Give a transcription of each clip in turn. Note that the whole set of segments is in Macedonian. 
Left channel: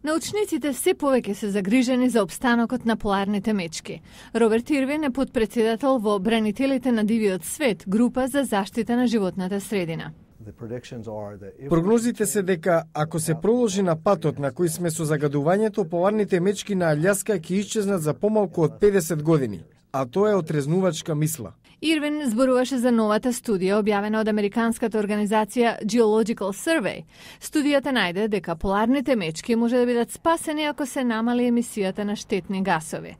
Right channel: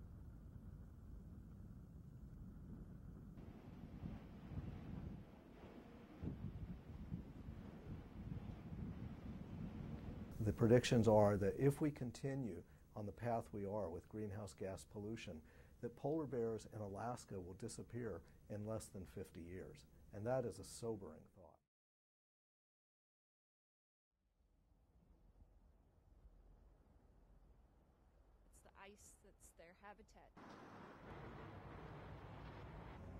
Научниците се повеќе се загрижени за опстанокот на поларните мечки. Роберт Ирвин е подпредседател во Бранителите на дивиот свет, група за заштита на животната средина. Прогнозите се дека ако се проложи на патот на кој сме со загадувањето, поларните мечки на Алјаска ќе исчезнат за помалку од 50 години, а тоа е отрезнувачка мисла. Ирвин зборуваше за новата студија објавена од американската организација Geological Survey. Студијата најде дека поларните мечки може да бидат спасени ако се намали емисијата на штетни гасови.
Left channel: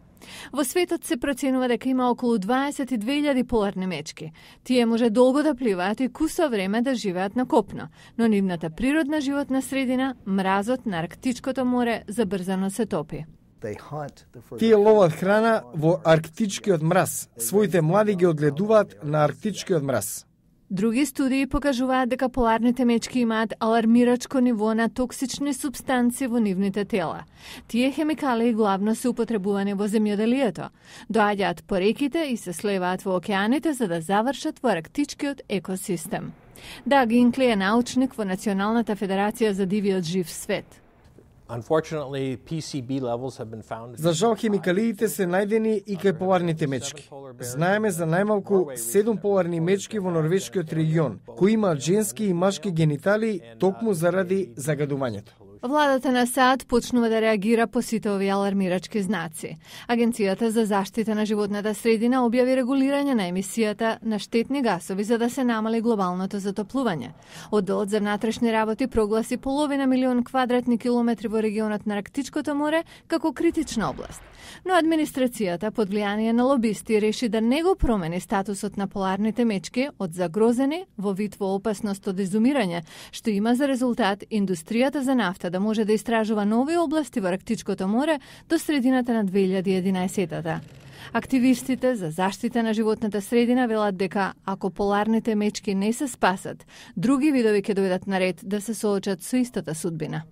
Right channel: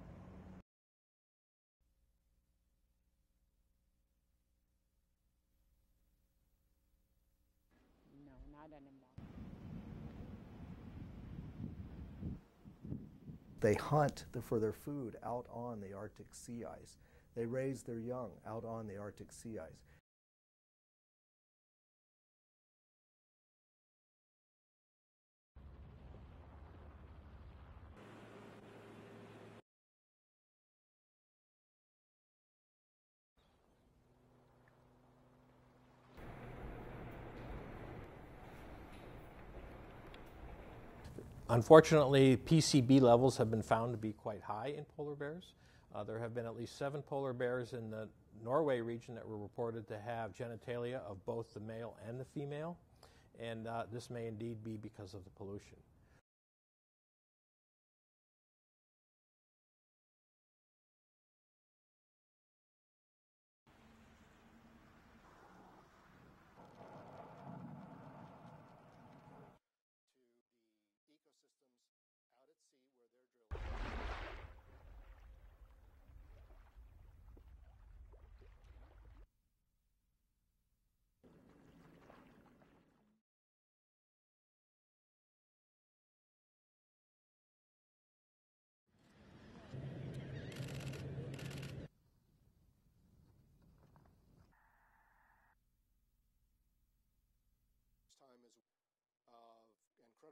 Во светот се проценува дека има околу 22.000 поларни мечки. Тие може долго да пливаат и кусо време да живеат на копно, но нивната природна животна средина, мразот на Арктичкото море, забрзано се топи. Тие ловат храна во арктичкиот мраз. Своите млади ги одледуваат на арктичкиот мраз. Други студии покажуваат дека поларните мечки имаат алармирачко ниво на токсични супстанции во нивните тела. Тие хемикали главно се употребувани во земјоделието. Доаѓаат по реките и се слеваат во океаните за да завршат во арктичкиот екосистем. Даг Инкли е научник во Националната федерација за дивиот жив свет. За жал, хемикалиите се најдени и кај поларните мечки. Знаеме за најмалку 7 поларни мечки во норвешкиот регион, кои имаат женски и машки генитали токму заради загадувањето. Владата на САД почнува да реагира по сите овие алармирачки знаци. Агенцијата за заштита на животната средина објави регулирање на емисијата на штетни гасови за да се намали глобалното затоплување. Одделот за внатрешни работи прогласи 500.000 квадратни километри во регионот на Арктичкото море како критична област. Но администрацијата под влијание на лобисти реши да не го промени статусот на поларните мечки од загрозени во вид во опасност од изумирање, што има за резултат индустријата за нафта да може да истражува нови области во Арктичкото море до средината на 2011-та. Активистите за заштита на животната средина велат дека ако поларните мечки не се спасат, други видови ќе дојдат на ред да се соочат со истата судбина.